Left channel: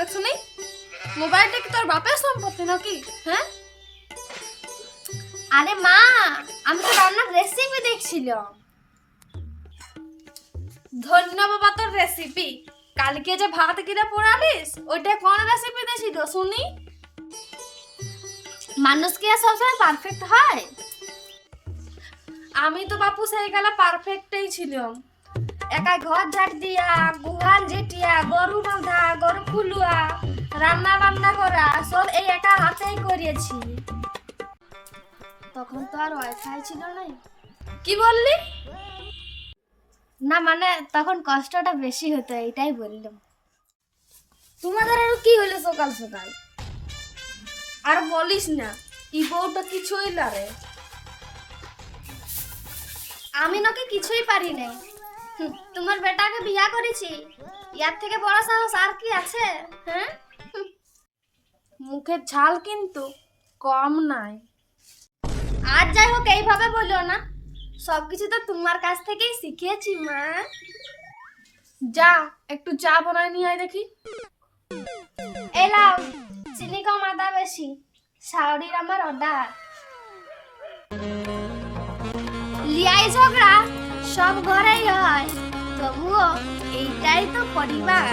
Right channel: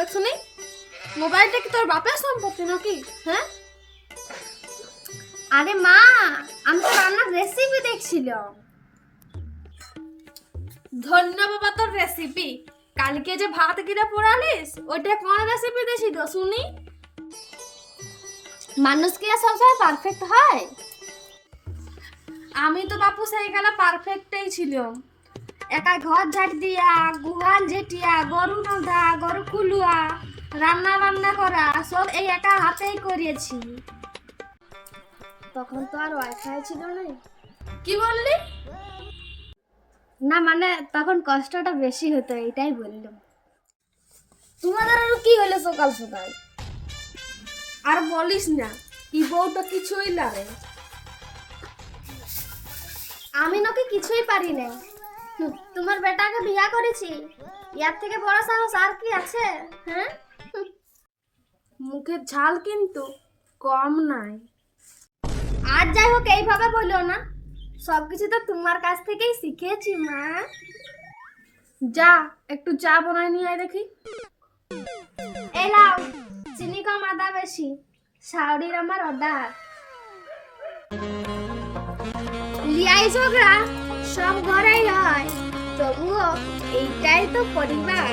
করবে শুনি? মোবাইলটা কি তোর বাপের সম্পত্তি নাকি? হ্যাঁ? আরে মা, আমি তো রান্নার রেসিপি দেখছিলাম। ধন্য বাবা তোর রেসিপি। কালকে যে ভাত কিনে পোড়ালিস ওইটা কোন রেসিপি দিয়েছিল শুনি? মানুষ কি আর সবসময় পারফেক্ট হয়? আমি তো বাপু সেই গেলা পারফেক্টই ছিলাম। একা ঘর ঝাড় দিয়া, গুহাল ঝেটিয়া, গরু বাঁধা, গরু খুলুয়া, রান্না বান্না করা সব এই একা হাতেই করেছি। তখন তো আর ওয়াইফাই ছিল না। কি বললি? না মানে তখন কষ্টটা বেশি হতো, এটাই বললাম। তোমাদের আরো কি হলো সকাল সকাল? আর বলিস না, ই বউটা কিছুই লাগে। আমি নাকি কিছুই পারি না। তোমার বেটাকে বিয়া করেছি, ইয়ার থেকে বড় সাহস আর কি আছে? হ্যাঁ, মুখের ঝাল কিন্তু কম নাই। আর যাই হোক এইভাবে বলিও না, সবকিছু তো তোমার কাছ থেকেই শিখেছি মা। যা একটু চা বানায় নিয়ে আয় দেখি। এলাও, চিনি কম আদা বেশি, শাওরির আমার অর্ডার। লিয়াই ঝগড়া সব ঘরেই হয়, তবুও এইটাই তো পরিবার।